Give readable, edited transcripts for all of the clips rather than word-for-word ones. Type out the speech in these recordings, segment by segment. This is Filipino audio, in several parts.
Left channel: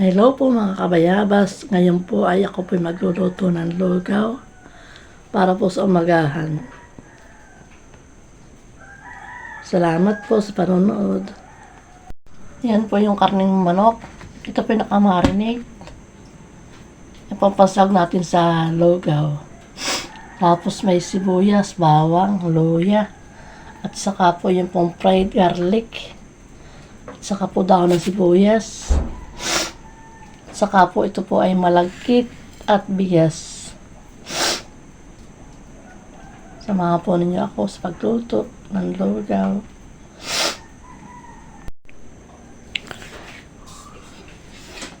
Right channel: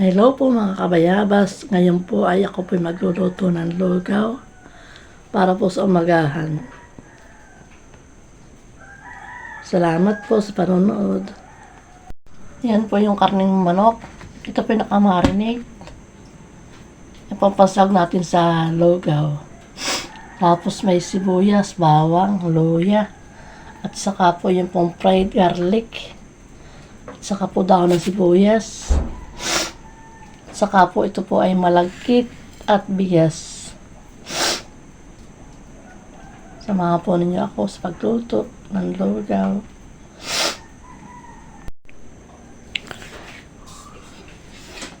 Hello po mga kabayabas. Ngayon po ay ako po magluluto ng lugaw para po sa umagahan. Salamat po sa panonood. Yan po yung karning manok. Ito po yung nakamarinate. Ipapasag natin sa lugaw. Tapos may sibuyas, bawang, luya. At saka po yung pong fried garlic. At saka po daon ng sibuyas. Saka po ito po ay malagkit at bigas. Samahan po ninyo ako sa pagluto ng lugaw.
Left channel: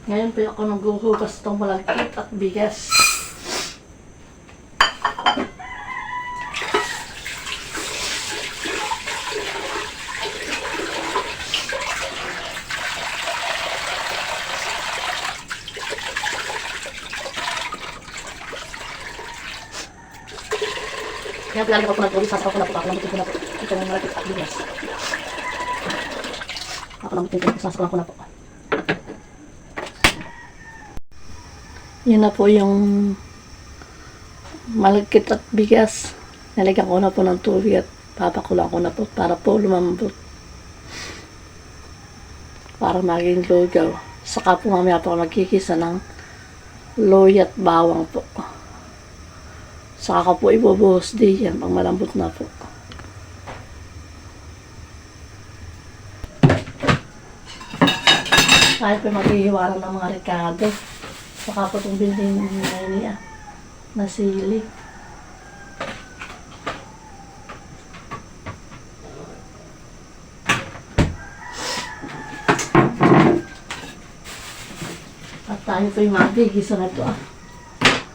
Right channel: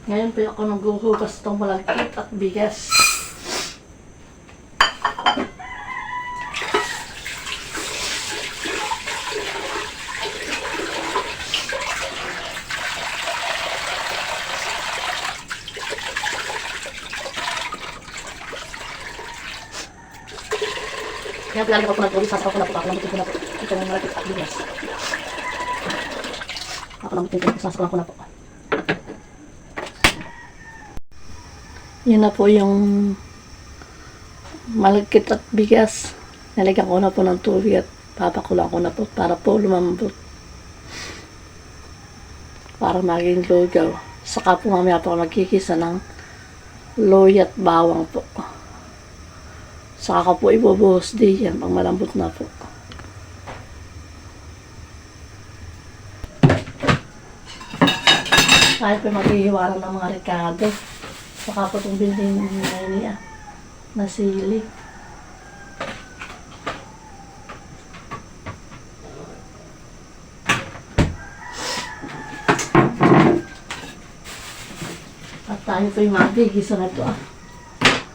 Ngayon po ako naghuhugas itong malagkit at bigas. Kaya lalagyan ko na po, sasaw ko na po, kakalamutin ko na po. Ito yung malagkit at bigas. Kakalamutin ko na po, sasaw ko na po. Yun na po yung malagkit at bigas. Nalagyan ko na po ng tubig at papakulang ko na po para po lumambot. Para maging lugaw. Saka po mamaya po magkikisa ng luya at bawang po. Saka ko po ibubuhos diyan pag malambot na po. Tayo po maghihiwa ng mga rekado. Saka po itong building niya na sili. At tayo po yung magigisa na ito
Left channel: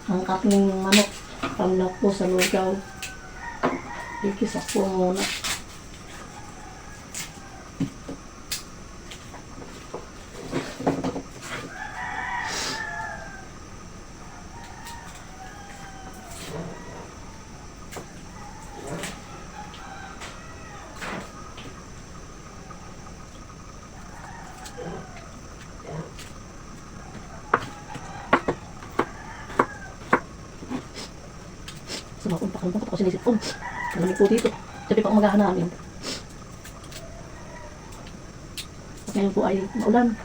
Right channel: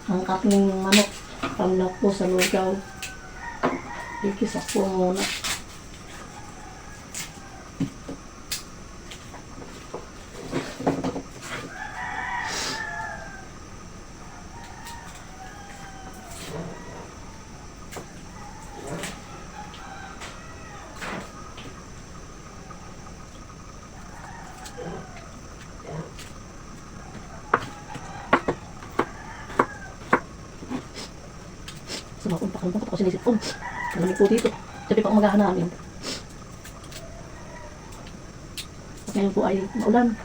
ang karning manok. Pamlak po sa lugaw. Igisa po muna. Sumakong pakalabang ko sinisip ko. Malamig po dito. Sabi pa umagahan namin. At ngayon po ay maulan.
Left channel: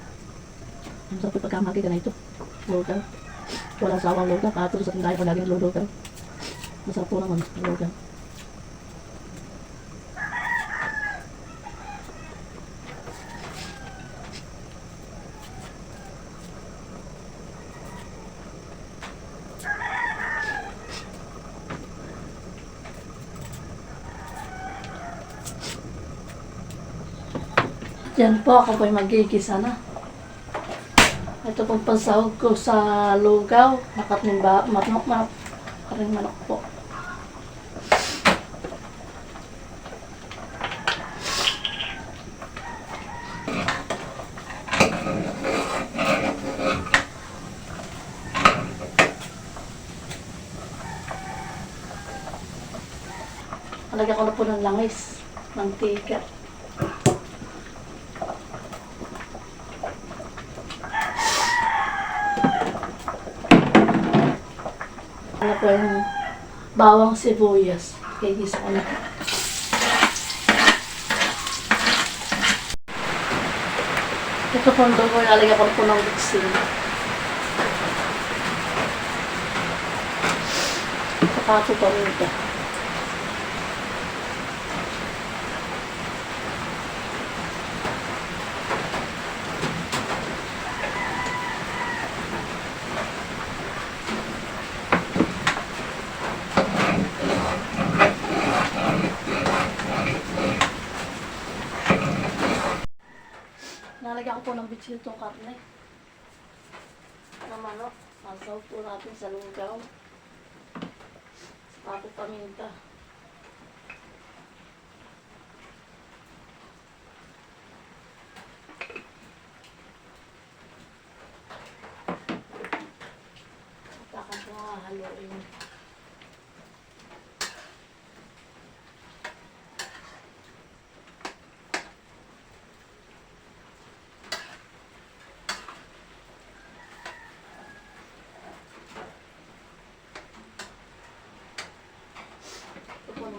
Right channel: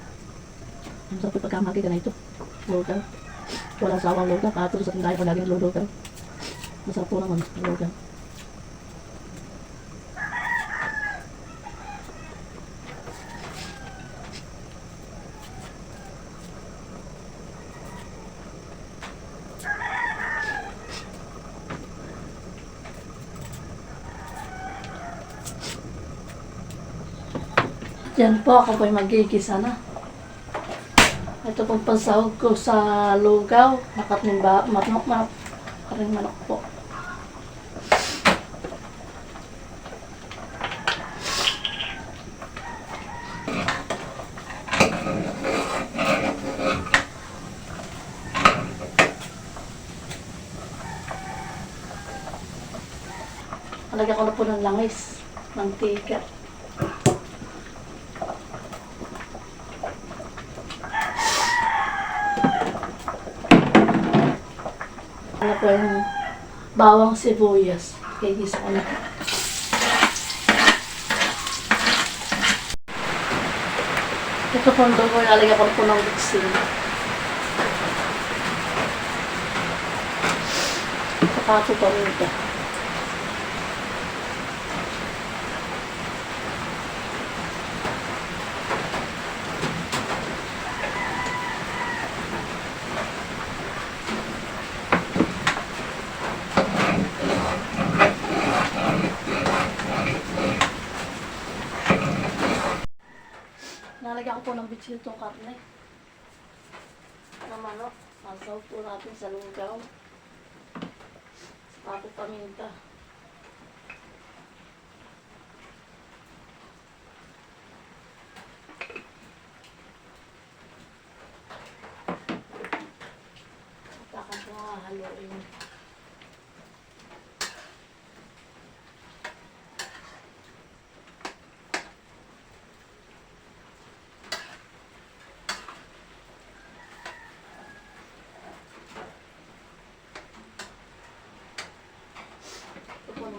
Ang sarap po pagkamaki ka na ito. Lugaw. Walang sawang lugaw. Kato sa tindahan po laging lugaw. Masarap po naman lugaw. Yan po, ako po'y magigisa na. Ito pong pansahog ko sa lugaw. Nakating manok. Karing manok po. Nalagyan ko na po ng langis, mantika. Ano po yung bawang sibuyas. Kigisa ko na. Ito po doon ko ilalagay ko po ng bitsin. Saka po paminta. Nalagyan ko po ng bitsin itong karne. Na manok. Masaw po natin sa lugaw. Saka po paminta. Saka po haluin.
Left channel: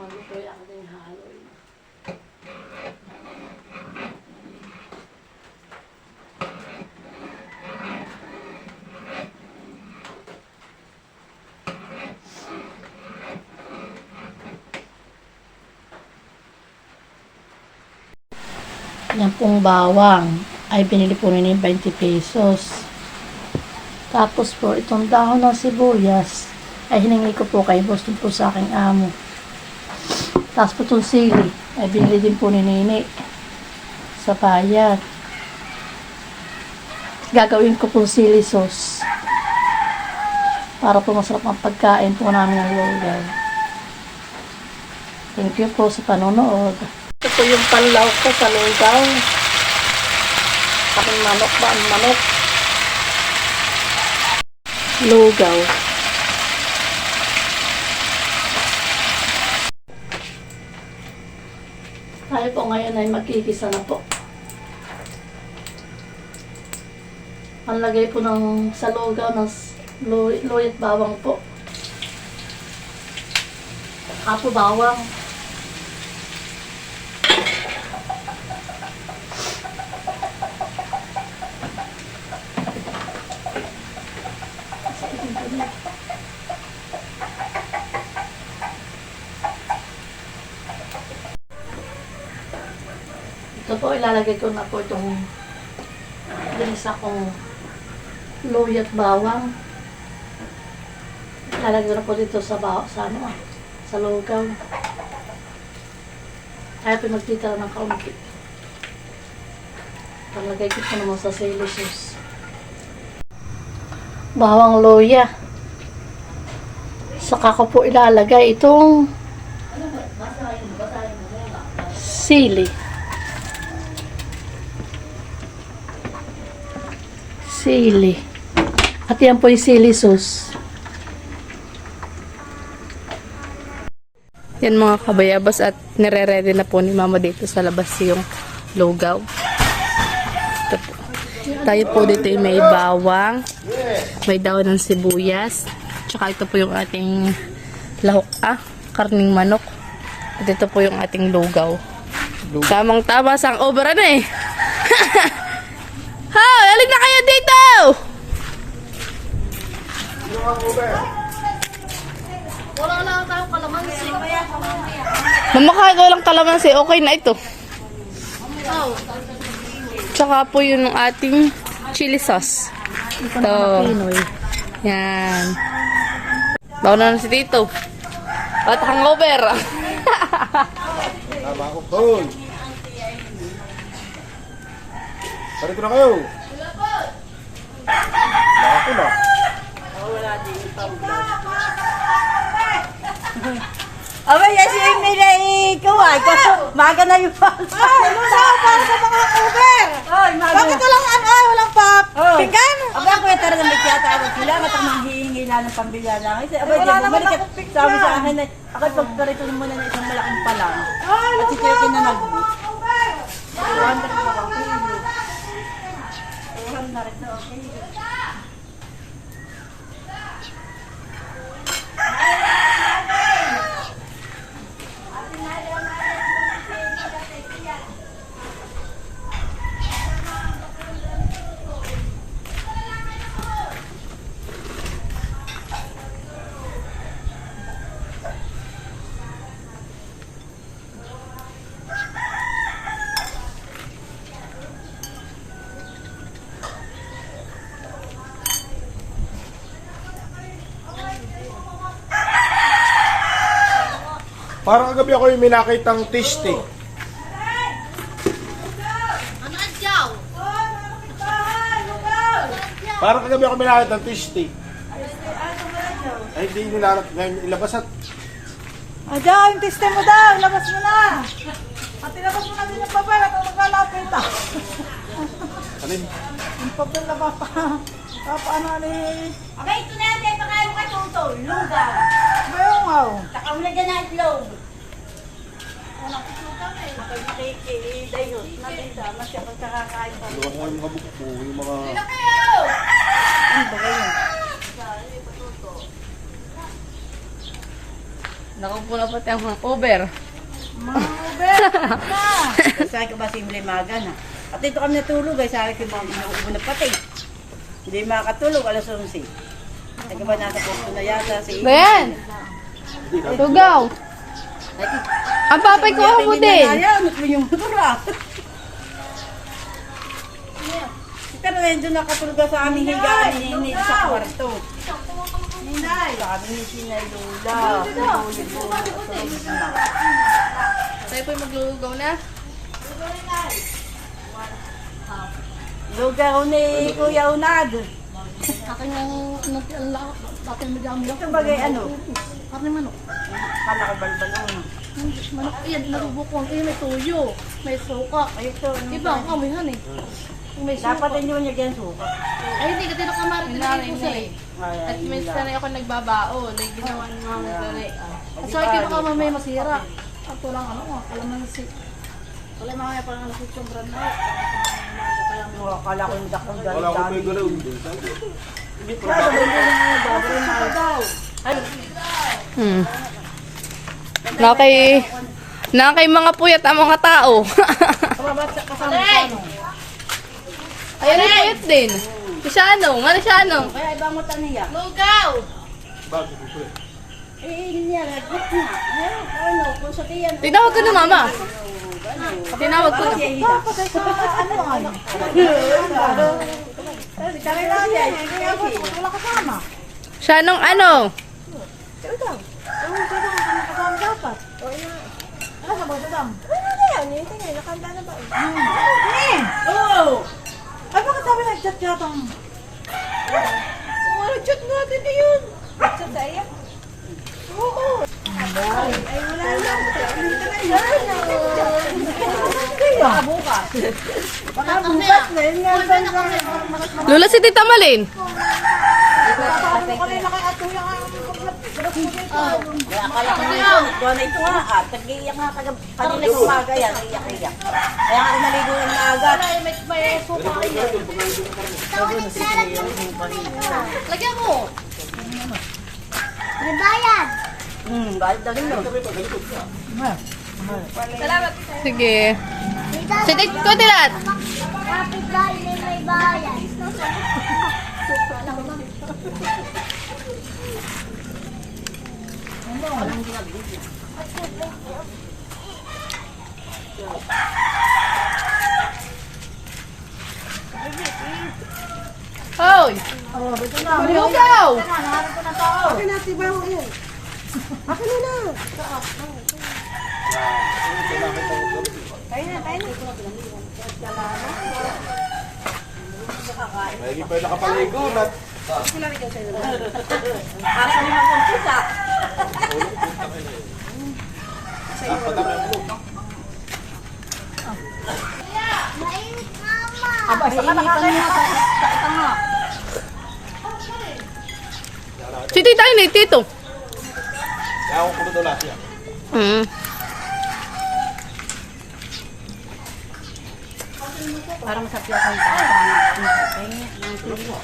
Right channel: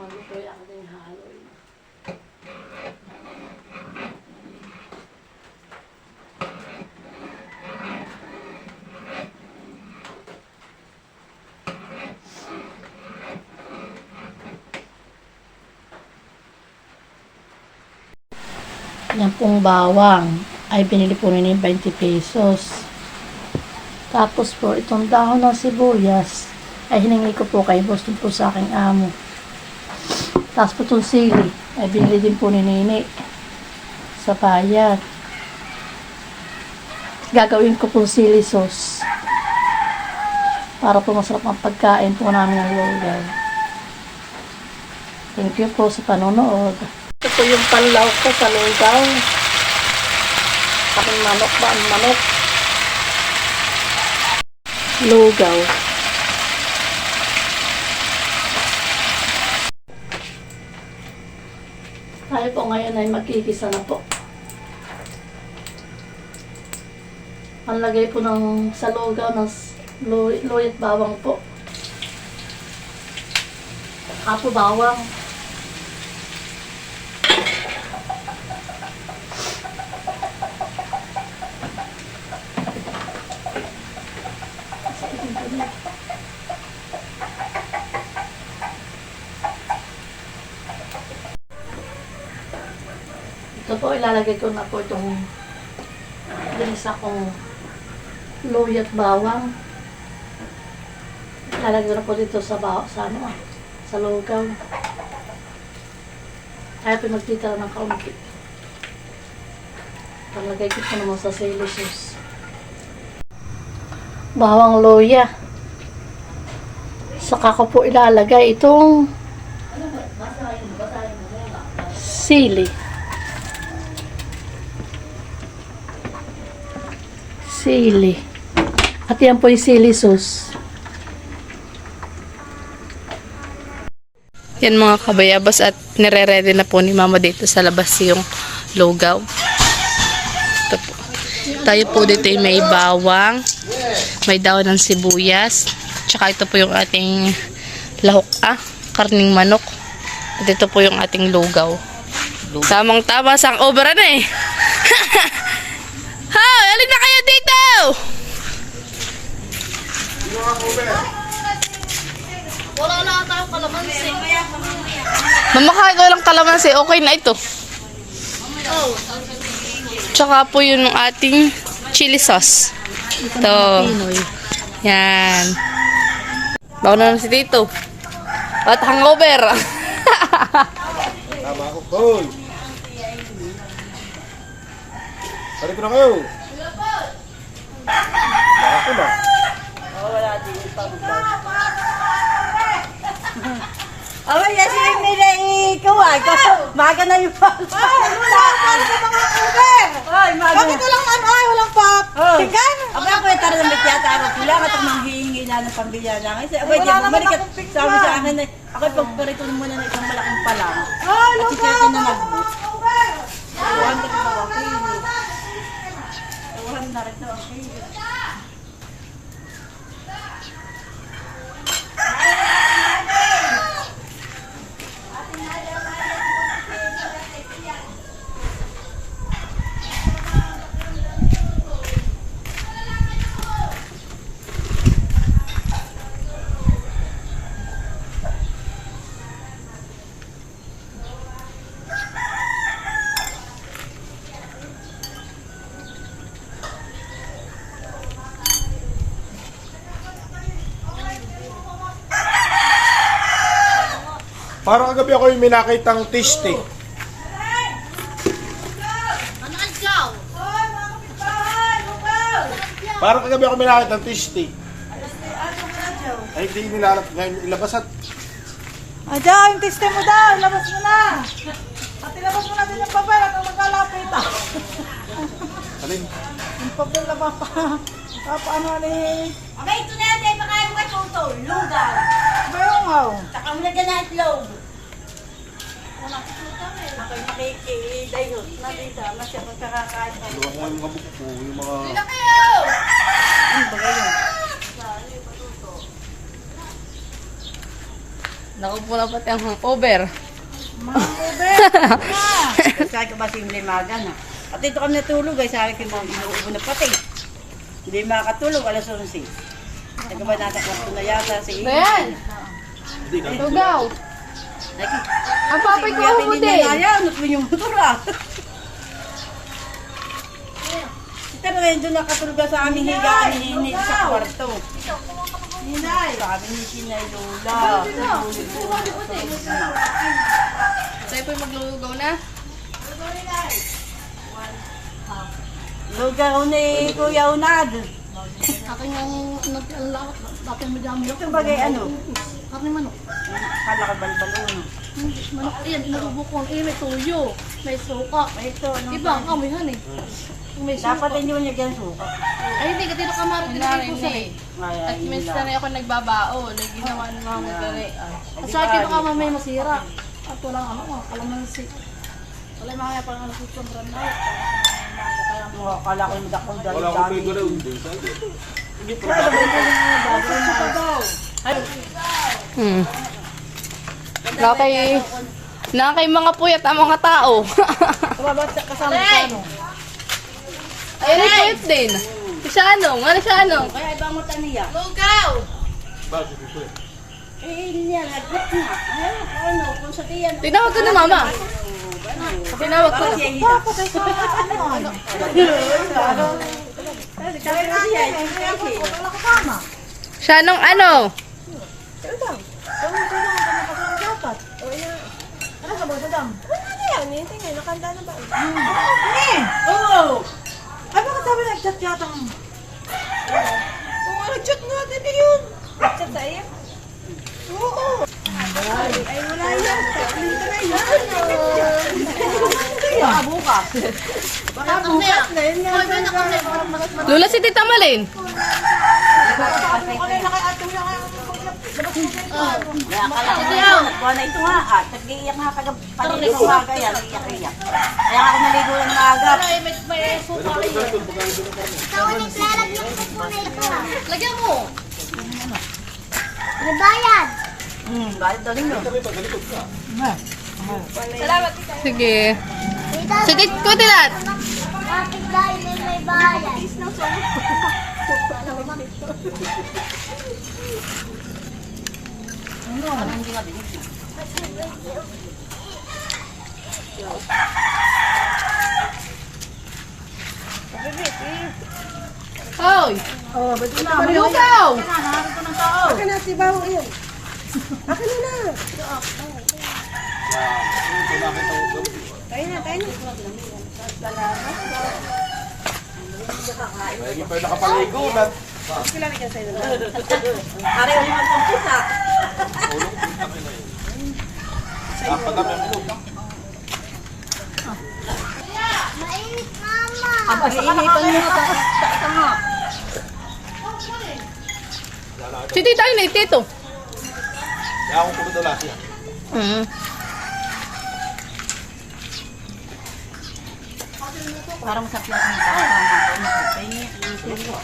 maluto yung aking haloy. Yan pong bawang ay binili po nila yung 20 pesos. Tapos po, itong dahon ng sibuyas ay hiningi ko po kay boss din po sa aking amo. Tapos po itong sili ay binili din po ni Nini sa bayan. Gagawin ko po sili sauce para po masarap ang pagkain po namin ng lugaw. Thank you po sa panonood. Ito po yung panlaw ko sa lugaw. Aking manok ba ang manok? Lugaw. Tayo po ngayon ay magkikisa na po. Ang lagay po ng sa lugaw ng luya at bawang po. Apo bawang. Ito po, ilalagay ko na po itong ginisa kong luya at bawang. Ilalagay ko na po dito sa sa lugaw. Kaya po magtitira ng kaunti. Talagay ko po naman sa sili sauce. Bawang luya. Saka ko po ilalagay itong sili. Sili. At yan po yung sili sauce. Yan mga kabayabas at nire-ready na po ni mama dito sa labas yung lugaw. Ito po. Tayo po dito ay may bawang, may daon ng sibuyas, tsaka ito po yung ating lahok, karning manok. At ito po yung ating lugaw. Tamang tama sang over na eh. Ha! Alin na kayo dito! Wala lang tayong kalamansi. Mamakain ko lang kalamansi, okay na ito. Tsaka po yun ng ating chili sauce. Ito. Yan. Bawa na si Tito. At hangover. Tama ako, Paul. Balik ko na kayo. Baka ko na. Abay, kasi may ikaw ay kasi maga na yung pang. Ano na, para sa mga Uber. Ay, maga. Bakit walang walang pap? Tingkan. Abay, ako yung tara na may tiyata. Sila nga itong manghihingi na ng pambilya lang. Abay, di bumalik at sabi sa akin na ako pagparito muna ng isang malaking palang. At si Tiyaki na nag-book. Parang kagabi ako yung may nakitang tasting. Parang kagabi ako may nakitang tasting. Ay, hindi ilabas at... Diyan, yung tiste mo daw. Labas mo na. At ilabas mo na din yung papel at maglalapit. Alin? Yung papel na papaano ni... Okay, ito na yan. Baka yung katuto. Lugaw. Bayong haw. Saka mo lagyan na itlog. Luwa ko yung mga buko, yung mga... Ano ba yun? Naku po na pati ang hangover. Sabi ko ba simple maga na. At ito kami natulog ay sabi ko mga inuubo na pati. Hindi makatulog alas 11. Sabi ko ba nasa kwarto na yata si Bayan! Lugaw! Ang papay ko ako Hindi din. na ayaw, nutlo yung motor ah. Pero ngayon doon nakatulog sa aming higaan ni sa kwarto. Sabi ni Sinay Lola. Tayo po'y maglulugaw na. Lugaw ni Kuya Unad. Aking ang nag-alak, aking madami. Ito bagay ano? Karne manok. Kala ko balbalo. Manok, yan, narubo ko. May tuyo, may suka. Ito, ano? Iba ang kamihan eh. Yung may suka. Dapat hindi mo niya ganyan suka. Ay, hindi, katino kamari din ko sa eh. At minsan ay ako nagbabao. Like, ginawa ni Mama Gare. Sa akin baka may masira. At walang ano, kalamansi. Wala mga parang alas 8 sobrang na. Kala ko yung dakong Wala akong dali-dali. pwede rin. Kaya ba hindi yung baboy na Nakay mga puyat ang mga tao. kasama sa ano? Ayun yung puyat din. Si Shanong. Ano Shanong? Kaya ibang mata niya. Lugaw! Bago ko eh. Hindi niya, lagnat nga. Ano, kung sa tiyan. Tinawag ka na Mama. Tinawag ko. Bakit siya hila? Kaya lang siya, wala kasama. Shanong ano? Oo! Ay, bakit sabi nag-chat yata? Kung nag-chat natin yun. Nag-chat sa iyo? Oo. Ay, wala yan. Baka bukas. Baka bukas na yun. Lula si Tita Malin. Akala ko niya, buwan na ito nga at nag-iiyak nga pag-iiyak umaga yan, iiyak-iyak. Kaya ako naligo ng maaga. Lagyan mo. Bayad daw ninyo. Sige. Sige, Kutilat. Hoy! Lugaw! Lagi pa yung nakapaligo na. Pare, yung mga pisa. Dapat na rin mo. Iinipan mo nga sa ito nga. Si Tita ini, Tito. Kaya akong puno daw lahat yan. Parang sa piyasan ka. Pahingi ng tilo.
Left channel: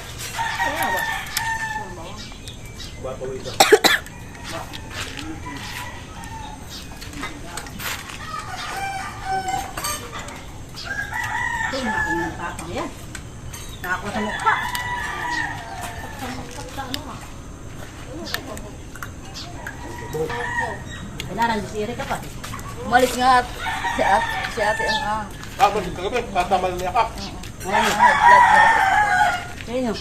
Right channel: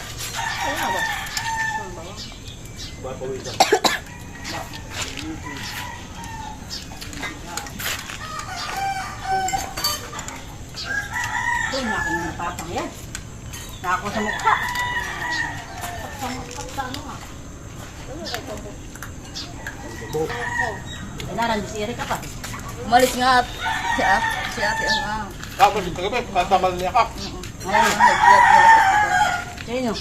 Bago ito. Ito, naku ng papang yan. Nako sa mukha. Kailangan di siri ka pa. Umalis nga si ate ang Tapos ito kagabi, patamal niya ka. Sino?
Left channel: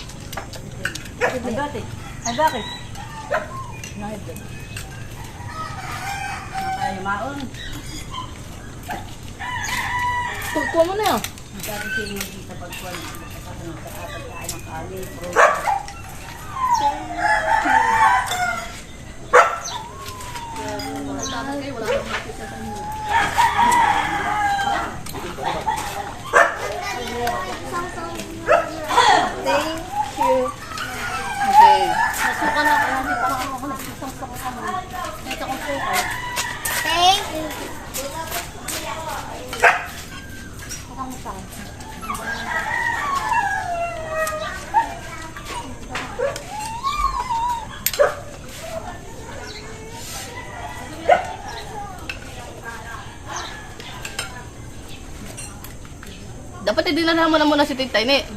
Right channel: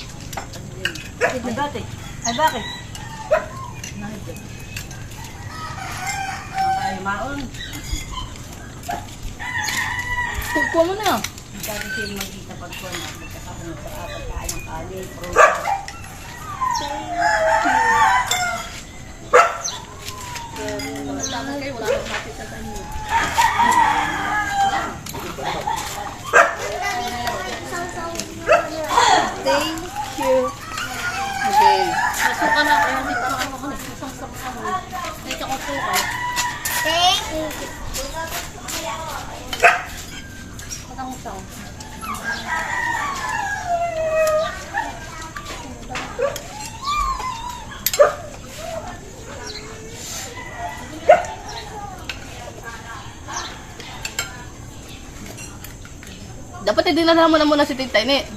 Ay, bakit? Ay, bakit? Nakalimaon. Kuha mo na. Dati sino magkita pagkuhan na magkasama sa pagkaan ng kali, bro. Okay. Nasuka na, kaya hindi pa ako isang suka mo. Ito ko suka. Patang-utang. Dapat hindi na mo na muna si Tita Ini.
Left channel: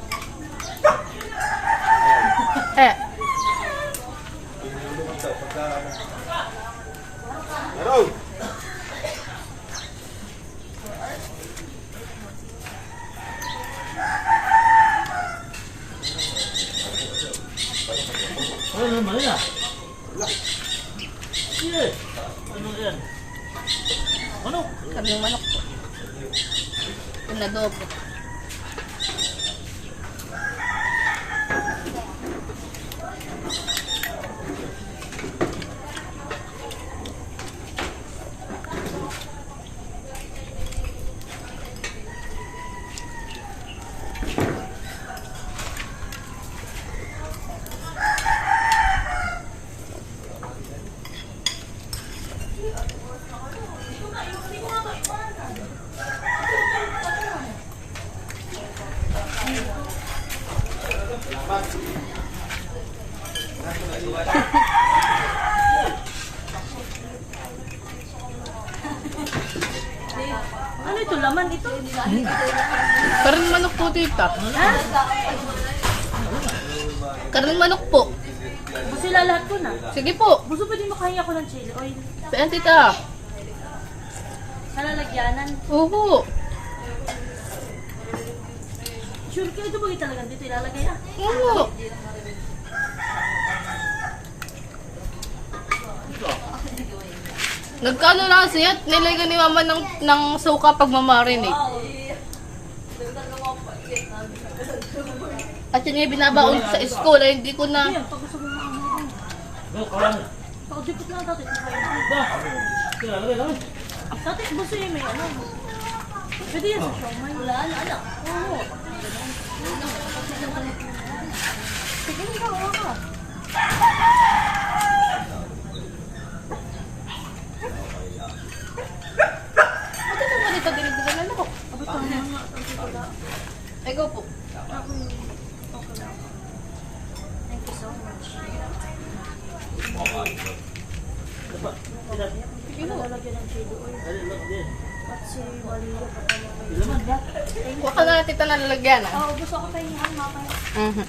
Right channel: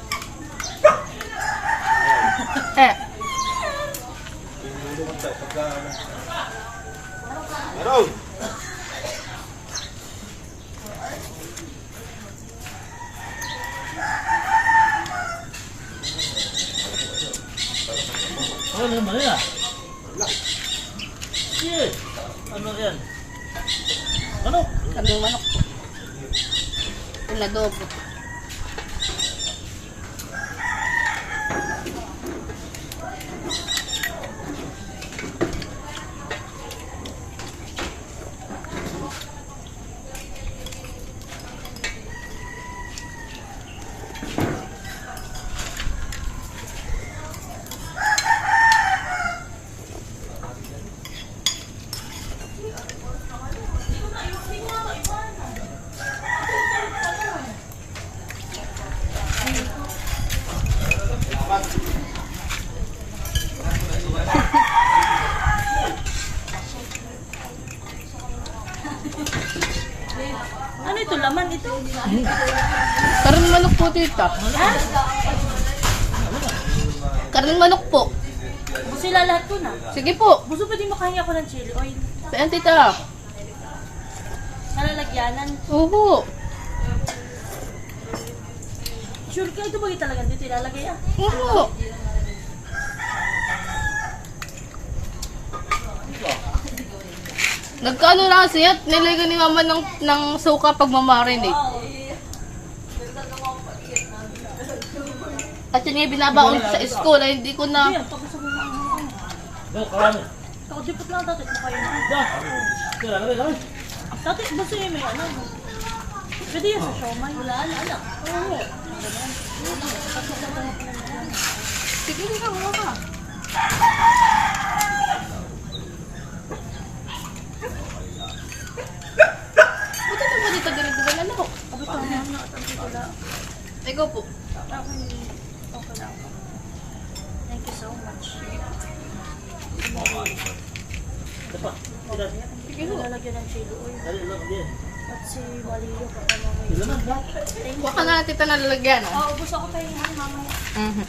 Meron! Ano naman yan? Yes. Ano yan? Ano? Kaming manok po. Pinadobo. Ano ito? Laman ito? Karning manok po, Tita. Karning manok po. Buso lahat ko na. Sige po. Buso pa din makahingi ako ng chili oil. Ayan, Tita. Nalalagyanan. Oo. Sure ka ito ba yung talagang dito ilalagay ah? Oo. Nagkano lang siya at nilagyan ni Mama ng suka pag mamarinate. At yun nga binabaon sa school ay hindi ko na... Ayan, pag gusto mo mga Go, kawan. Takot lang tatay kung kaya na. Ba? Kaya lagay lang. Tatay, gusto niya may ano. Pwede yan sa siomay. Wala, ano? Oo. Sige, hindi ka, wala ka. Buti naman dito dinigdigan na ako. Abot ang mga nga at ang titula. Ay, go po. Ako okay lang. Thank you so much. Dapat. Sige mo. Lalagyan ng chili oil. Dali lang din. At si Maria papamamay. Ilaman ba? Huwag ka na tita nalalagyan. Oo, gusto ko tayo mamaya. Mhm.